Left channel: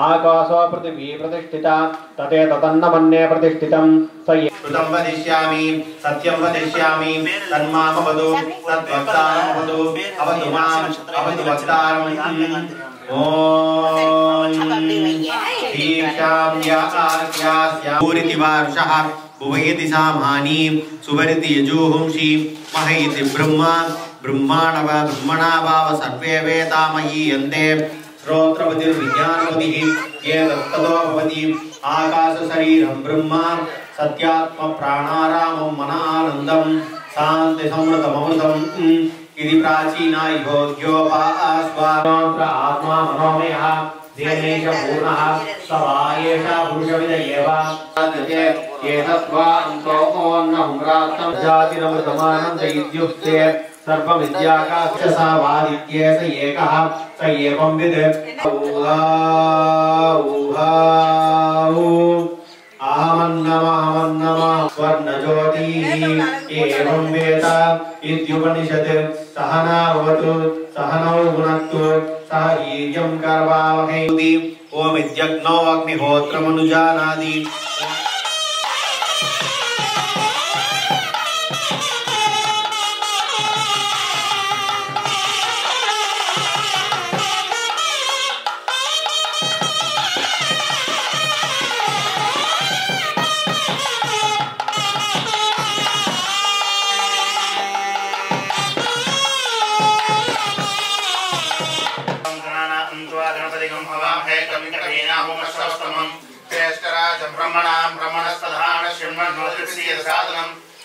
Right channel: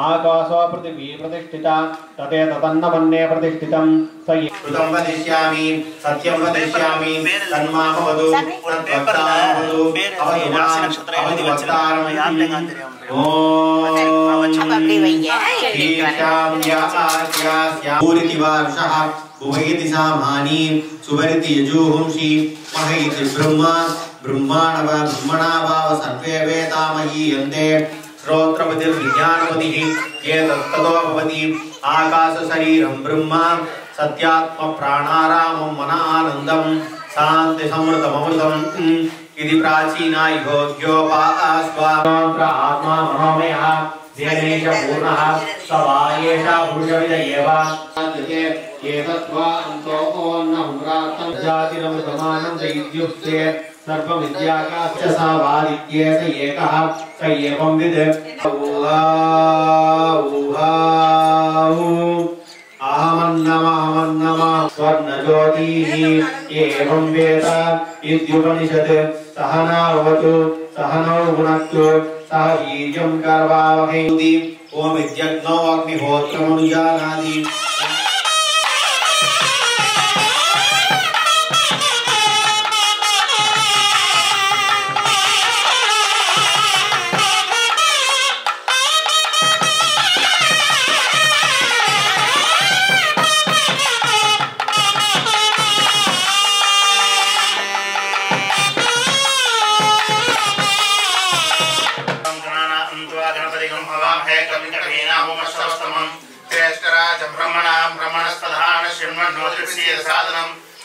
आकाशो पृथिवी प्रतिष्ठिता तते तदन्नमन्ये प्रतिष्ठितं श्रुतं वदिष्यामि सत्यं वदिष्यामि तन्मामवदु तद्वक्तामवदु अवतु मां अवतु वक्तारं ॐ वारुषः भुवयति सामानि सुवरिति यजुहुंषि महयति ब्रह्मा ब्रह्मणाभाव सर्वे वेदामयीयन्ते श्रोत्रपतिर्विज्ञानपतिः ये तत्ततो भवति आकाश शरीरं ब्रह्मा सत्यात्म प्राणारामं मनानन्दं शान्ति समृतममृतम् इति प्राचीना योग्योपास्वामन्त्र आत्मा मनोमयः देवेश पूर्णः सवायेषा पुरुषविद एव एतत्वा अन्तो ओन्नहुम्रातं जातिरमृतमानं इत्युक्ते सर्वविद्याकाशसावादित्ये स एकः स एवं विद् अहमन्नमः स्वर्णज्योतिः एवं वेद इत्युपनिषत् सहना भवतु सहनौ भुनक्तु सह वीर्यं करवावहै ओम इत्यग्नौ अग्निहोत्रमनुजानाति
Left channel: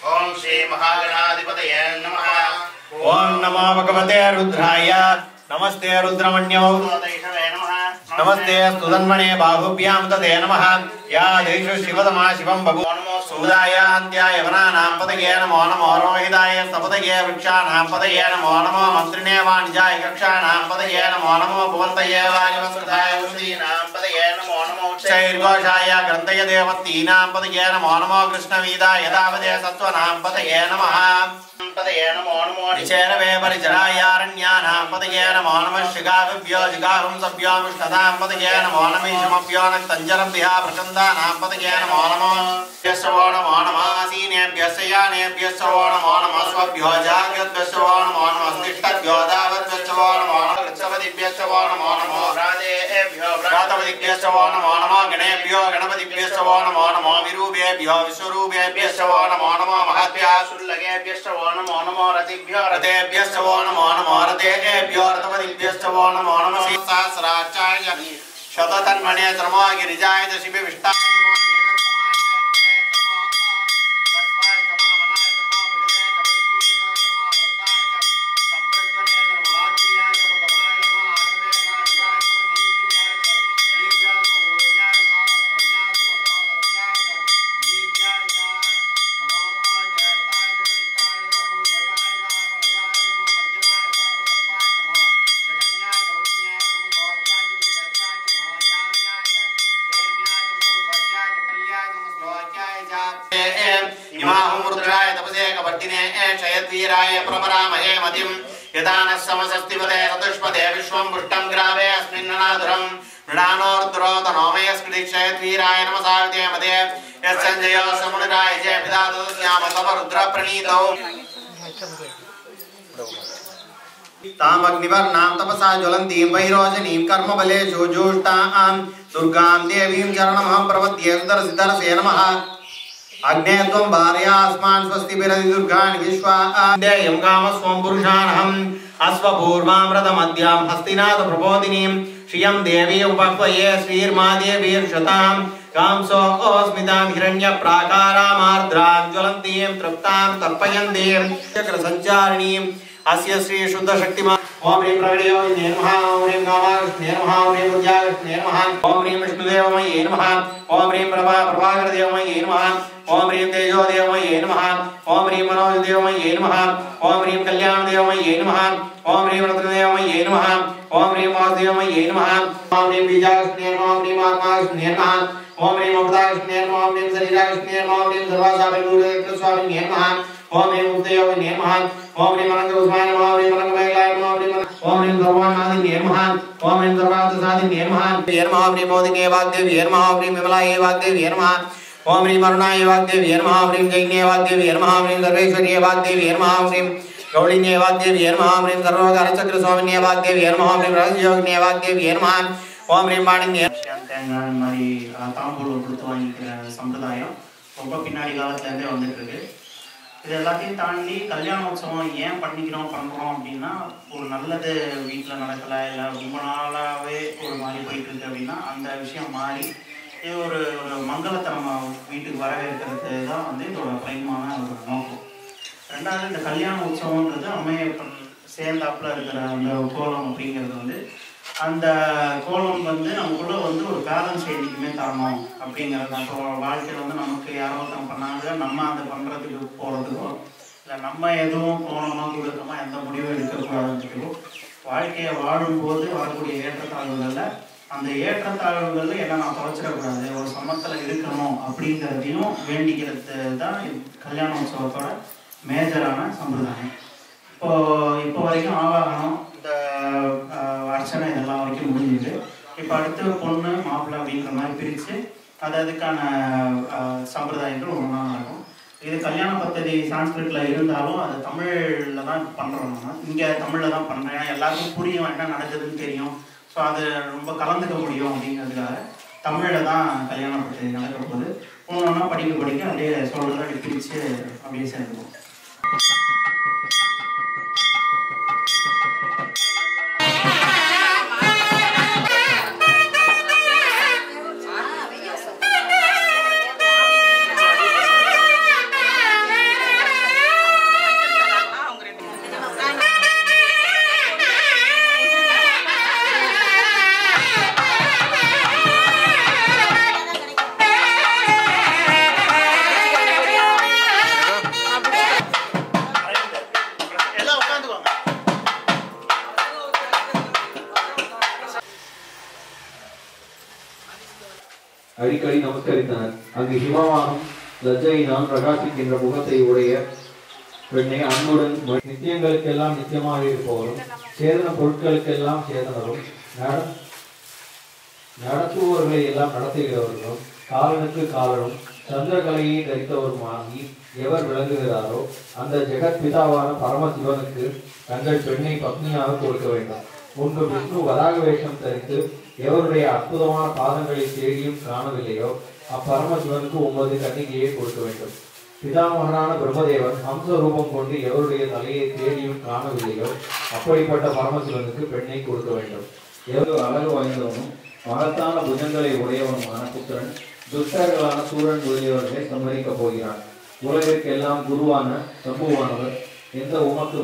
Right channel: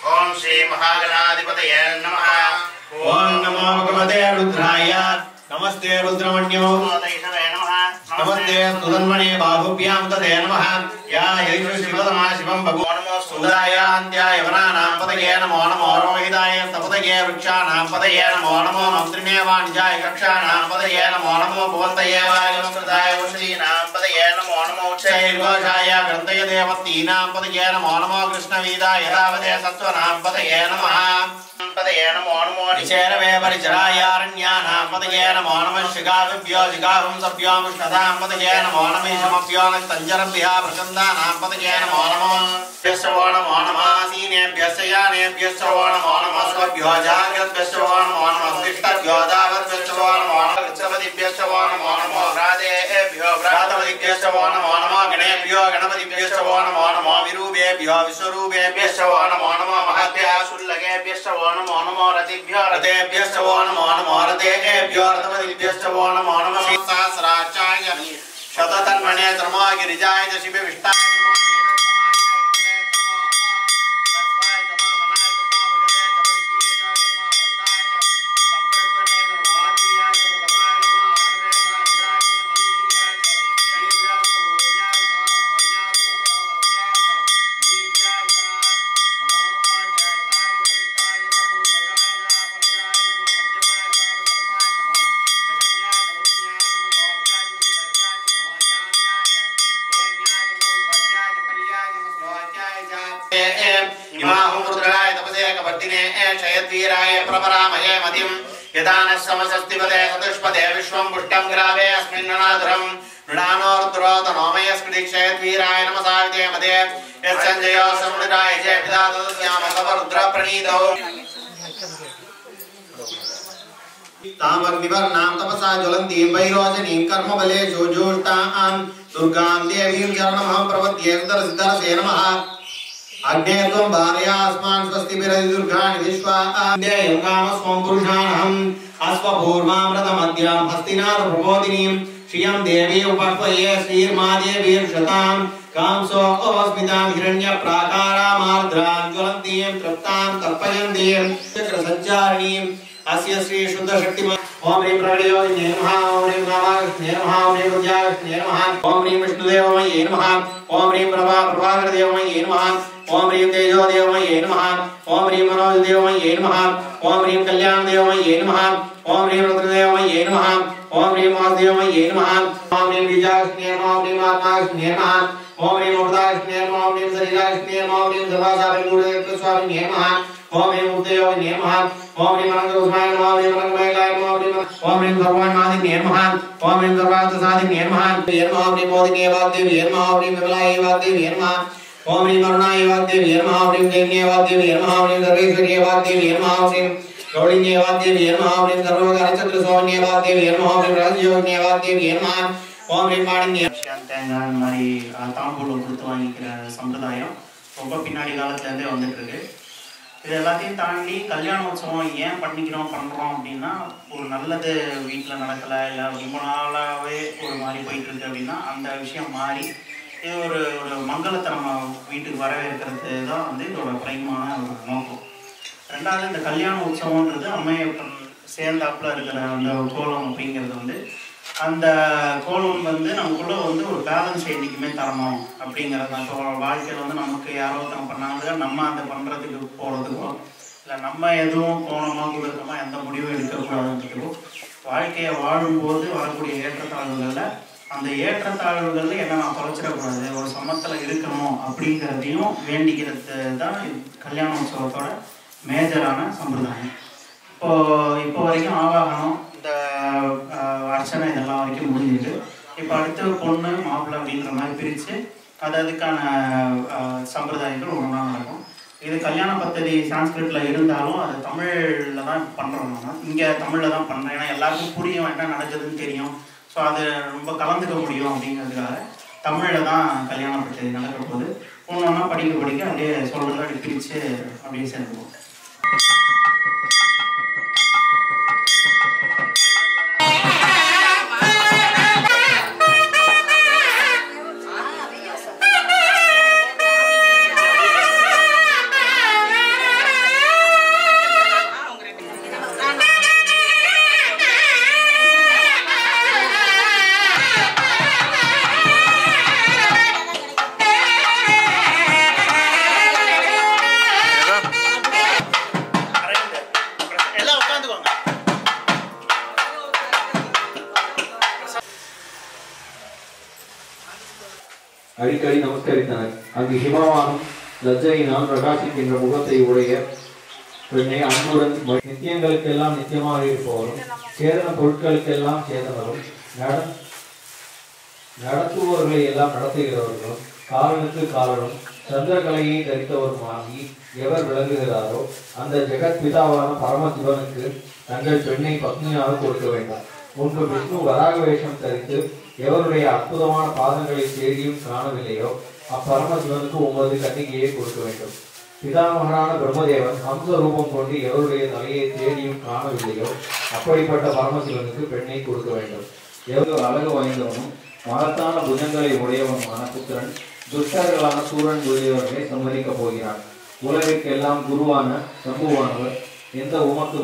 ओम श्री महागणाधिपतये नमः। ओम नमो भगवते रुद्राय नमस्ते रुद्रमण्यो नमस्ते सुधन्वने बाहुभ्यां तदे नमः या यैष शिवतमा शिवं बभूव नमो सुदायान्त्याय वनानां पतये नमो नमो रोहिताय सपतये वृक्षाणां पतये नमो नमो मंत्रिणे वाणिजाय कक्षाणां पतये नमो नमो भुवन्तये वायुसुदाय उषीनां पतये नमो नमो उच्चैर्घोषाय ग्रन्थय देवतीनां पतये नमो नमो कृष्णवीदाय रावदे सत्त्वनां पतये नमः पतये नमो नमो निचेरवे परिचरायारण्यानां पतये नमो नमः शिगाभ्यो जिगाहुं सभ्यो विष्णदां पतये नमो नमीशमभ्यो तञ्जरभ्यः प्रचन्दानां पतये नमो नमः यस्वो नमो नमः सीनेभ्यश्च यानेभ्यश्च नमो नमः स्वभ्यो जाग्रद्भ्यश्च नमो नमः स्तिष्ठभ्यो दावद्भ्यश्च नमो नमः वृक्षपतिभ्यश्च नमो नमः व्रातेभ्यो व्रातपतिभ्यश्च नमो नमः गणेभ्यो गणपतिभ्यश्च नमो नमः विरूपेभ्यो विश्वरूपेभ्यश्च नमो नमः महद्भ्यः शुल्लकेभ्यश्च नमो नमो रतिभ्यो रतेभ्यश्च नमो नमः रतेभ्यो रतपतिभ्यश्च नमो नमः सहस्राक्षाय शततन्मने त्रमोगिरिजाय शिवे विष्टाय क्षयद्वीराय प्रपरामहे मतिं यदानः समसस्तिपदे सदुष्पदे विश्वं पुष्टं ग्रावे अस्मिन्ननादुरं मृणानोर्द्रोतनोमय क्षयद्वीराय नमसाविदे मदे यत्सञ्जयो समुनिराय जय पिता तदस्यामसवरुद्रप्रणीतौ तामग्निवर्णां तपसा ज्वलन्तीं वैरोचनीं कर्मबलेषु जुष्टां दुर्गां देवीं चरणमहं प्रपद्ये सुदर्शे नमः अग्ने त्वं भार्यास्मान् स्वस्ति विरति दुर्गाणि विश्वादेयं कामस्वं पुरुषाणहम् अश्वपूर्वामृतमद्यां हस्तिनाथ प्रबोधिनीं श्रियं देवी उपह्वये श्रीर्मादेवीर्षतां कांसो ओस्मितां हिरण्यप्राकारामार्द्रां ज्वलन्तीं तृप्तां तर्पयन्तीं चक्रसञ्चारिणीं अस्य श्री शुद्ध शक्तिमान ओम ह्रीं प्रगटयोगिने नमः ओम ह्रीं कामाकृष्णे नमः ओम ह्रीं विद्याकृष्णे नमः ओम ह्रीं विष्णुदेवमये नमः ओम ह्रीं प्रभाकरदेवमये नमः ओम ह्रीं तेजोदेवमये नमः ओम ह्रीं मनोजदेवमये नमः ओम ह्रीं कल्याणदेवमये नमः ओम ह्रीं वक्रदेवमये नमः ओम ह्रीं वासुदेवमये नमः ओम ह्रीं बीजाग्निये नमः ओम ह्रीं आकाशग्निये नमः ओम ह्रीं अमृताग्निये नमः ओम ह्रीं शरीराग्निये नमः ओम ह्रीं सर्वासारगुरुदेवस्वामिने नमः ओम ह्रीं मुक्तयोगिने नमः ओम ह्रीं अनंतगोस्वाय नमः ओम ह्रीं अनंतमयलाय नमः ओम ह्रीं सर्वान्नादिने नमः ओम ह्रीं सर्वार्थसाधिने नमः ओम ह्रीं मोदिने वाग्देव्ये नमः ओम ह्रीं विमलाय वाग्देव्ये नमः ओम ह्रीं अरुणाय वाग्देव्ये नमः ओम ह्रीं कैन्ये वाग्देव्ये नमः ओम ह्रीं सर्वेश्वर्ये वाग्देव्ये नमः ओम ह्रीं गौड़ीन्ये वाग्देव्ये नमः ओम ह्रीं सर्वकार्यचक्रस्वामिन्ये वाग्देव्ये नमः ओम ह्रीं राजयोगिन्ये वाग्देव्ये नमः ओम ह्रीं माणिन्ये தேங்காய் மாதிரி தாம்பூலம் கொடுத்து வாங்கிக்கிற சம்பிரதாயம் ரொம்ப பின்னாடி காலத்துலேருந்தே வந்துட்டு இருக்கு. இது எல்லாத்தையும் தாண்டி கல்யாணோத்சவம் ஏன் பண்ணுறோம் அப்படின்னா ஒரு நல்லது வீட்டில் நடக்கலை இல்லை ரொம்ப நாளாகவே ஒரு மாதிரி போயிட்டு இருக்கு அப்படின்னா அந்த விஷயம் மாறி இது ஒரு மங்களத்தை நம்ம வீட்டுக்கு வரவேற்கிறது தான் வந்து இதோட பிரைமான ஒரு நோக்கம். ரெண்டாவது இந்த கல்யாண உற்சவம்ன்றது அம்மையப்பன் சேர்ந்தாப்புல இருக்கிற அந்த கோலம் அப்படிங்கிறது வந்து அந்த கோலம் வந்து நமக்குள்ள வந்து ஒரு பேலன்ஸ் என்றைக்குமே தரணும் அப்படிங்கிறது தான். இப்போ வாழ்க்கையில் வந்து நமக்கு யாரோ ஒருத்தவங்க பண்ணாங்க நம்ம அந்த பண்ணுறதுக்கு போகிறதுக்கோ இல்லை நம்ம எதுவும் கோணமாக கொடுக்கமா எந்த முடிவும் எடுக்கக்கூடாதுன்றதுக்கோ வாழ்க்கையை வாழும்போது வரக்கூடிய ஏற்றத்தாழ்வுகளில் அந்த ஏற்றத்தாழ்வுகளில் என்ன நான் தொலைச்சிடக்கூடாது ஒரு சமத்தில் இருக்கணும் அப்படிங்கிறதையும் வேண்டிக்கிறது தான் கல்யாண உற்சவத்தோட மேஜரான சம்பிரதாயம். இப்போ வரைக்கும் ஆவாகனம் இந்த அர்ச்சனை இதெல்லாம் வரைக்கும் முடிஞ்சிருக்கு. இப்போ அடுத்து பொண்ணு மாப்பிள்ளை அப்படின்ற மாதிரி பிரித்து அதுக்கான சம்பிரதாயங்கள் ஒன்றா நடக்கும். இது கல்யாண பத்ததி சான்ஸ்கிரிட்டில் இருந்தாலும் அது தமிழில் தான் பண்ணுறோம். நம்ம இங்கே தமிழில் தான் பண்ணுறேன். ஏன்னா எல்லாருக்கும் புரியும் என்ன நடக்குதுன்னு தெரியும். ஸோ அது ரொம்ப கலந்துக்க முடியும் அப்படிங்கிறதுக்காக தமிழில் தான் கல்யாண பத்ததி நடக்கிற போது ஒன்று ஒன்றா படிக்க அப்படியே சொல்கிறது அப்படி பிரித்து அப்படியே சேர்ந்துக்குவோம். அடிக்கடி நமஸ்கரித்தனர். அங்கு ஹிமவானம் லஜ்ஜையினால் பிரகாசிக்கின்ற முகத்தை உடைய பெண்ணை அன்புடன் நித்தியங்களுக்கெல்லாம் நித்தியமாக இருப்பவரும் சேதன பொருட்களுக்கெல்லாம் சேதனரும் நடத்துபவர்களை எல்லாம் நடத்துகிறவர்களும் காலனுக்கு காலனும் சந்திரகலையை தரித்தவருமாகி எவர் விளங்குகிறாரோ அந்த ஜெகத் பிதாவான பரமசிவனுக்கு தங்கள் பெண்ணை பத்னியாக கொடுக்க வேண்டும். முன்பு விஷ்ணு வராக வேஷம் தரித்து எவருடைய அற்புதமான பாதங்களை தேடியும் காணவில்லையோ அப்பரமசிவனுக்கு 9 கன்னிகையை கொடுக்க வேண்டும். பிதாமகனான பிரம்மதேவன் ஹம்ச ரூபம் கொண்டு எவருடைய தலையை தேடியும் காணவில்லையோ அப்படிப்பட்ட பரமசிவனுக்கு பெண்ணை கொடுக்க வேண்டும். எவ்வளவு அழகு வாய்ந்தவனும் மகத்தான புஜங்களை உடையவனுமான புத்திரன் துஷ்டர்களான சூரன் முதலியவர்களை சம்மதிக்கப் போகிறான். உலகிற்கெல்லாம் குருவான சம்புவானவர் எந்த உமக்கு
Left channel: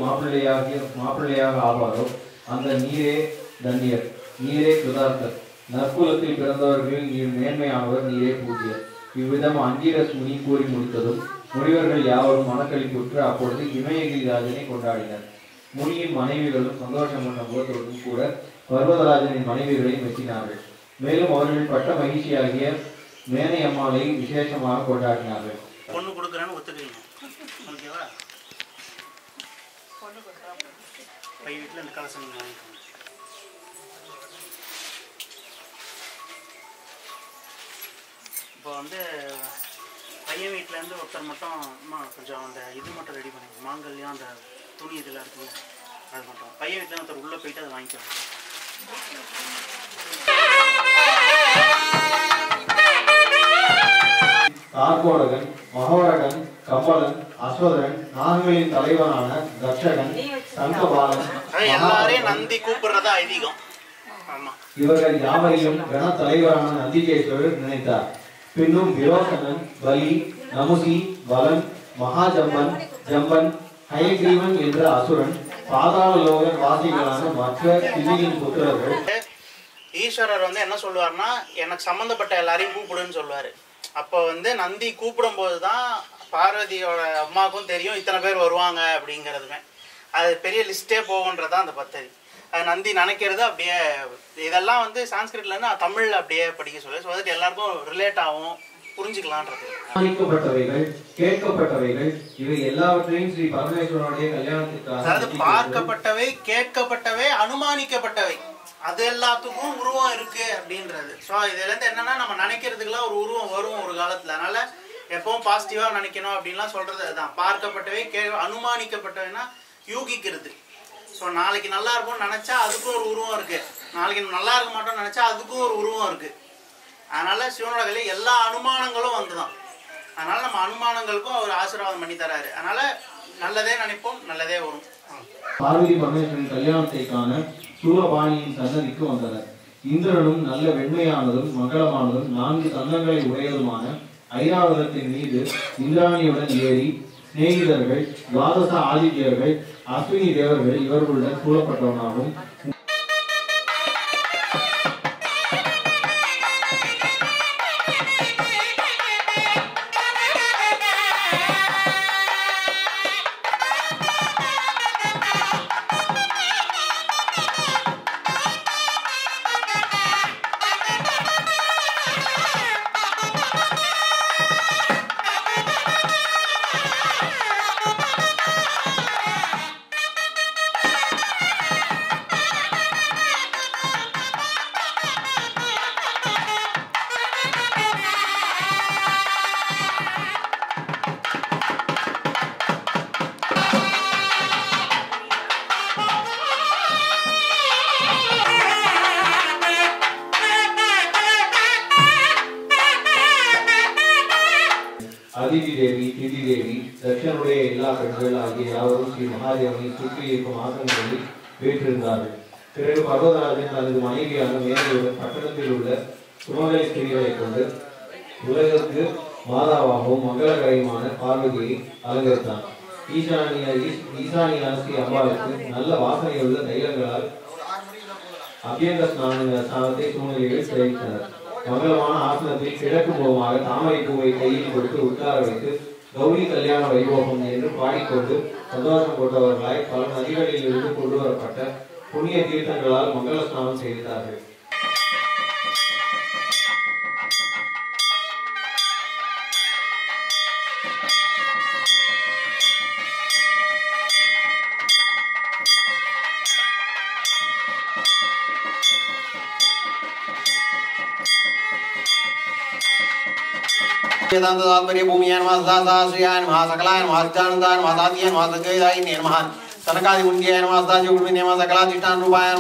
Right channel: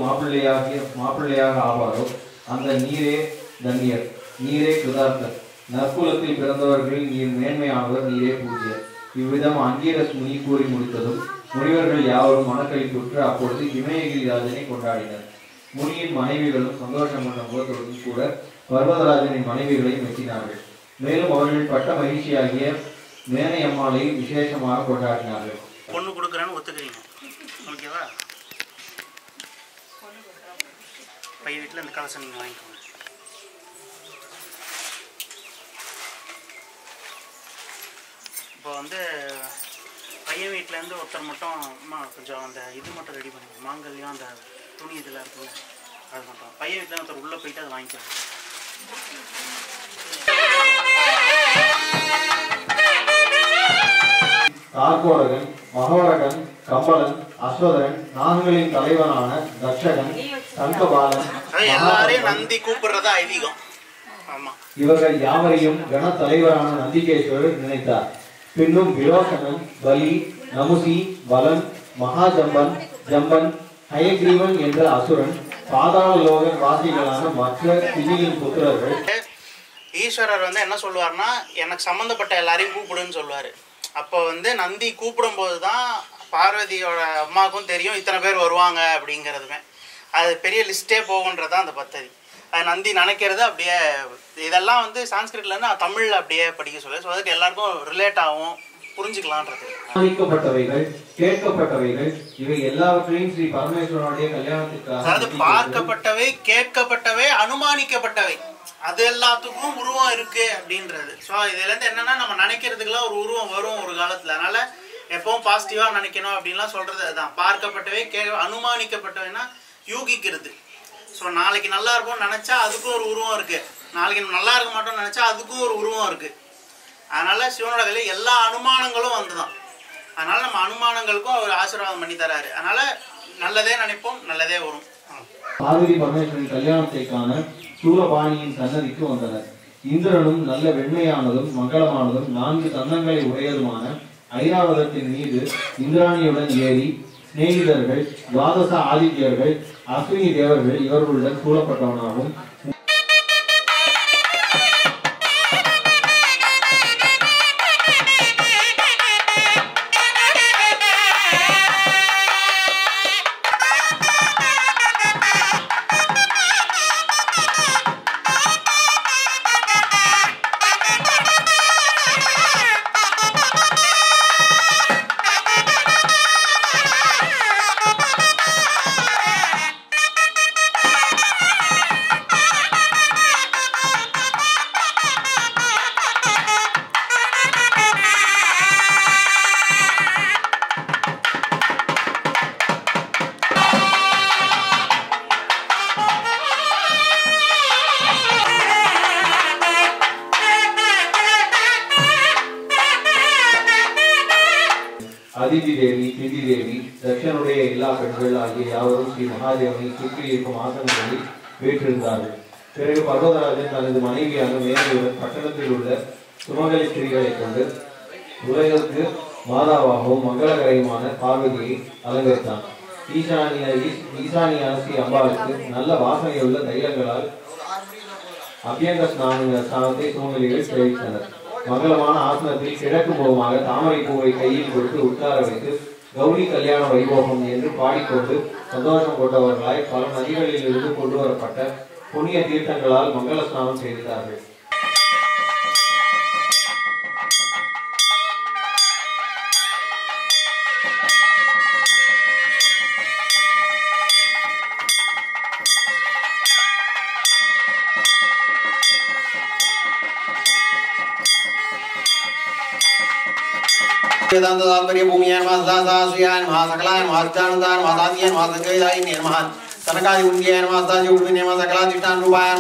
மாப்பிள்ளையாக ஆவாரோ அந்த நீரே தன்யர், நீரே கிருதார்த்தர். நற்குலத்தில் பிறந்தவர்களில் நீர் மேன்மையானவர், நீரே பூஜ்யர். இவ்விதம் அங்கீரஸ் முனி கூறி முடித்ததும் முனிவர்கள் யாவரும் மனக்களிப்புற்று அப்பொழுது இமயகிரிராஜனை கொண்டாடினர். முனியின் மனைவிகளும் சந்தோஷம் கொண்ட முகத்தோடும் கூட பர்வதராஜனின் மனைவிகளையும் வெட்டினார்கள். மேலும் அவர்கள் பட்ட மகிழ்ச்சியாகிய மேனை அம்மாளை விசேஷமாக கொண்டாடினார்கள். பொண்ணு கொடுக்குறேன்னு ஒத்துக்கிறீங்க, ஓகேவா? பை வீட்டில் இந்த கலசம் நீங்கள் வாங்கிக்கோங்க. இப்போ வந்து பையன் வீட்டிலேருந்து ஒருத்தர் மட்டும் அம்மா கொஞ்சம் அந்த இது மட்டும் ரெடி பண்ணிக்கணும், மாங்கல்யம் அந்த துணி இதெல்லாம் இருக்குல்ல அது மட்டும். பையன் வீட்டில் ஒருத்தர் உள்ளே போயிட்டு அதை வாங்கிக்கலாம். தார்கோடகன், மகோடகன், கம்பளன், அஸ்வதரன், நாகங்களின் தலைவனான தட்சகன், தங்கபாலன் எல்லாரையும் நந்தி கூப்பிடுறத ஐதீகம். ஆமா, இவர்கள் யாவரையும் கன தலைவரான நந்திகேஸ்வரர் நினைத்தார். பின்னும் விரோசனன், பலி, நமுசி, பலன், மகாஜம்பன், ஜம்பன், ஹயக்ரீவன் என்ற அசுரன், பாதாள லோக வாசிகளான மற்ற சிதியின் புத்திரர்கள். ஈஸ்வரர் வந்து என்ன சொல்லுவார்னா, எனக்கு சம்மந்தப்பட்ட எல்லாரையும் கூப்பிடுன்னு சொல்லுவார். அப்போ வந்து நந்தி கூப்பிடும் போது தான் பார்வதியோட அம்மாவுக்கும் தெரியும் இத்தனை பேர் வருவாங்க அப்படிங்கிறதுமே. அது பெரிய லிஸ்ட்டே போகுன்றது தான் அந்த பத்ததி. அது நந்தி நினைக்கிறது அப்படியே இதெல்லாம் வந்து சான்ஸ்கிரிட்லேருந்து தமிழில் அப்படியே படிக்க சொல்லி. ஸோ அதுக்கு எல்லாருக்கும் ரிலேட் ஆகும், புரிஞ்சுக்கலான்றது. அனுமானிக்கப்பட்டவைகள், கேட்கப்பட்டவைகள் இவை எல்லாவற்றையும் ஸ்ரீ பரமேஸ்வரனுடைய கல்யாணத்திற்காக, அதாவது பார்க்கப்பட்டவை, கேட்கப்பட்டவை, அனுமானிக்கப்பட்டவை, அது எல்லாத்துக்கும் உருவம் இருக்கு அப்படின்றது. ஸோ இதுலேருந்து என்னன்னா நம்ம நினைக்கிறதுக்குலாம் ஒரு உருவம் வரும் ஒரு காலத்தில். அதனால எப்பவும் பாசிட்டிவாக நினைக்கணும் அப்படின்லாம் சொல்றது அதுதான். பார்க்கப்பட்டவை, அனுமானிக்கப்பட்டவைன்னா யூகிக்கிறது. ஸோ நாளைக்கு நல்லா இருக்கும்னு நினச்சா அதுக்கும் ஒரு உருவம் இருக்கு, நாளைக்கு நல்லா இருக்க மாட்டோம்னு நினச்சா அதுக்கும் ஒரு உருவம் இருக்கு. அதனால சிவனோட கையில எல்லா அனுமானங்களும் வந்துதான். அதனால நம்ம அனுமானங்களுக்கும் அவர் ஆசீர்வாதம் பண்ணி தராரு. அதனால நல்லதே நினைப்போம், நல்லதே வரும். பார்வதி பரமேஸ்வரன் கல்யாணத்தை காண சூரபாணியின் சன்னதிக்கு வந்தனர். இந்திரனும் நல்ல வெண்மையானதும் மங்களமானதும் 4 தந்தங்களை உடையதுமான ஐராவதத்தின் மீது இந்திராணியுடன் ஏறி சிநேகிதர்கள், துவாதச ஆதித்யர்கள், அஸ்வினி தேவர்கள் இவர்களுடன் சூழப்பட்டவனாகவும் அதிதி தேவி, திதி தேவி, தட்சனுடைய எல்லா பெண்கள் ஆகிய யாவரும் ஸ்ரீ மகாதேவனை சுற்றி இருக்கும் ஆசனங்களில் வீற்றிருந்தார்கள். பிறகு பர்வதராஜன் தனது மனைவியான மேனகையுடன் பட்டணத்தில் உள்ள சுமங்கலி ஸ்திரீகளை கொண்டு உலகிற்கு மாதாவாகவும் மங்களகரையுமான பார்வதியை அலங்கரித்தான். ஈசானியான ஸ்ரீ அம்பாளுக்கு நல்ல வாசனையுள்ள தைலங்களால் அபியங்க ஸ்நானத்தை சூழ்நிலையில் தெரிவித்தனர். மங்களமான ஆசனத்தில் கிழக்கு முகமாக தாமரை பூவை கையில் கொடுத்து உட்கார வைத்து கௌரி கல்யாண வைபோகம் என்று பாடிக்கொண்டு சந்தோஷம் கொண்டவர்களாய் பல நதிகளில் இருந்து கொண்டு வரப்பட்ட புண்ணிய தீர்த்தங்களால் மங்கள ஸ்நானம் செய்தார்கள். वेदांत तात्पर्य भूमियान महासाश्रियान महासकलायन महाचानंदान महासादियान महासंगयदायिन नमः सनकादि मुंडियान महासाजि उर्मिने महासकलाधिष्ठान रूपायन